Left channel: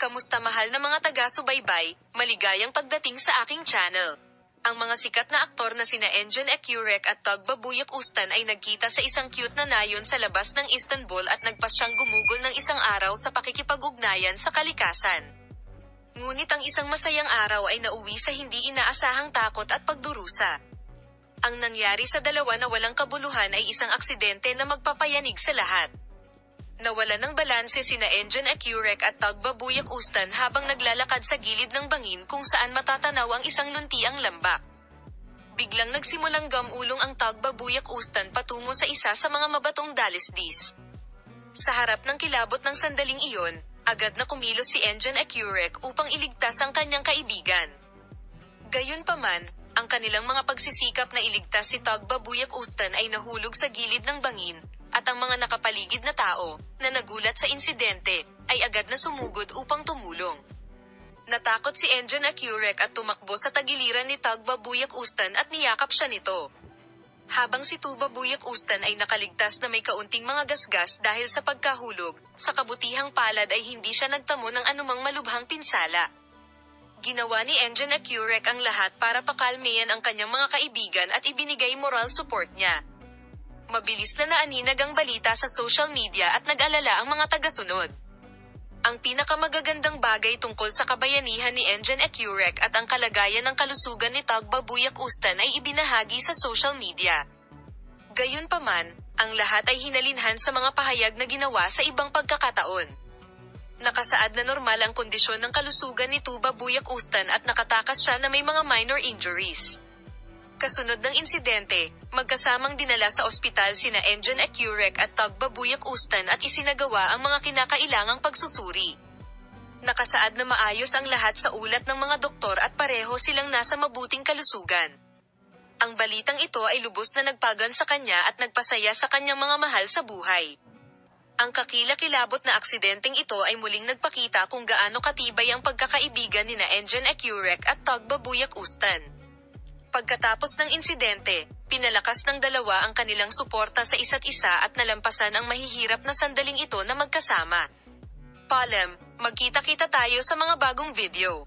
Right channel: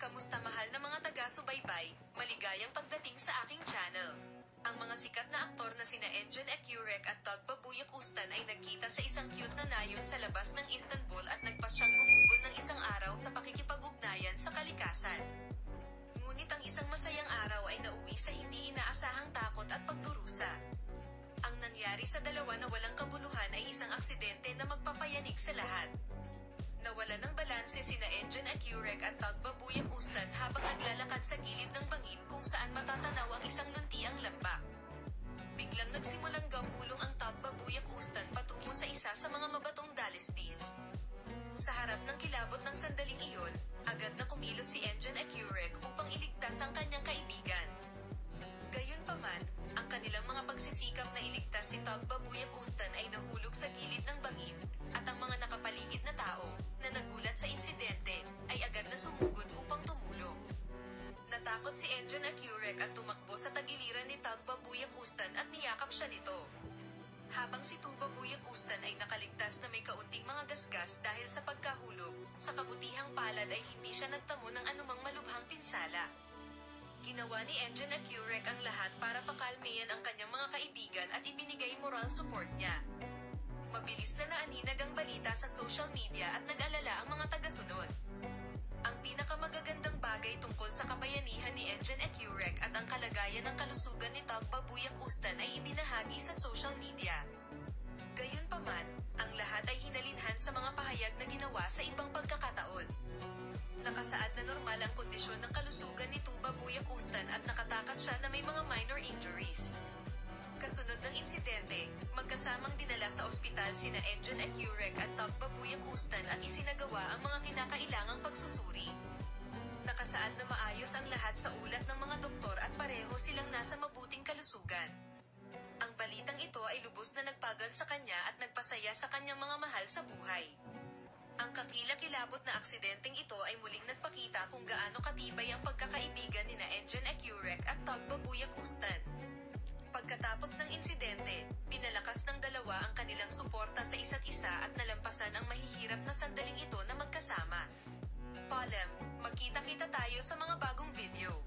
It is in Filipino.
Kamusta mahal na mga taga-subaybay, maligayang pagdating sa aking channel. Ang mga sikat na aktor na sina Engin Ecurek at Tug Babuyak Ustan ay nagkita sa isang cute na nayon sa labas ng Istanbul at nagpasyang gumugol ng isang araw sa pakikipag-ugnayan sa kalikasan. Ngunit ang isang masayang araw ay nauwi sa hindi inaasahang takot at pagdurusa. Ang nangyari sa dalawa na walang kabuluhan ay isang aksidente na magpapayanig sa lahat. Nawalan ng balanse sina Engin Ecurek at Tug Babuyak Ustan habang naglalakad sa gilid ng bangin kung saan matatanaw ang isang luntiang lambak. Biglang nagsimulang gamulong ang Tug Babuyak Ustan patungo sa isa sa mga mabatong dalisdis. Sa harap ng kilabot ng sandaling iyon, agad na kumilos si Engin Ecurek upang iligtas ang kanyang kaibigan. Gayunpaman, ang kanilang mga pagsisikap na iligtas si Tug Babuyak Ustan ay nahulog sa gilid ng bangin, at ang mga nakapaligid na tao, na nagulat sa insidente, ay agad na sumugod upang tumulong. Natakot si Engin Ecurek at tumakbo sa tagiliran ni Tug Babuyak Ustan at niyakap siya nito. Habang si Tug Babuyak Ustan ay nakaligtas na may kaunting mga gasgas dahil sa pagkahulog, sa kabutihang palad ay hindi siya nagtamo ng anumang malubhang pinsala. Ginawa ni Engin Ecurek ang lahat para pakalmeyan ang kanyang mga kaibigan at ibinigay moral support niya. Mabilis na naaninag ang balita sa social media at nag-alala ang mga tagasunod. Ang pinakamagagandang bagay tungkol sa kabayanihan ni Engin Ecurek at ang kalagayan ng kalusugan ni Tug Babuyak Ustan ay ibinahagi sa social media. Gayunpaman, ang lahat ay hinalinhan sa mga pahayag na ginawa sa ibang pagkakataon. Nakasaad na normal ang kondisyon ng kalusugan ni Tug Babuyak Ustan at nakatakas siya na may mga minor injuries. Kasunod ng insidente, magkasamang dinala sa ospital sina Engin Ecurek at Tug Babuyak Ustan at isinagawa ang mga kinakailangang pagsusuri. Nakasaad na maayos ang lahat sa ulat ng mga doktor at pareho silang nasa mabuting kalusugan. Ang balitang ito ay lubos na nagpagan sa kanya at nagpasaya sa kanyang mga mahal sa buhay. Ang kakilakilabot na aksidenteng ito ay muling nagpakita kung gaano katibay ang pagkakaibigan nina Engin Ecurek at Tug Babuyak Ustan. Pagkatapos ng insidente, pinalakas ng dalawa ang kanilang suporta sa isa't isa at nalampasan ang mahihirap na sandaling ito na magkasama. Paalam, magkita-kita tayo sa mga bagong video.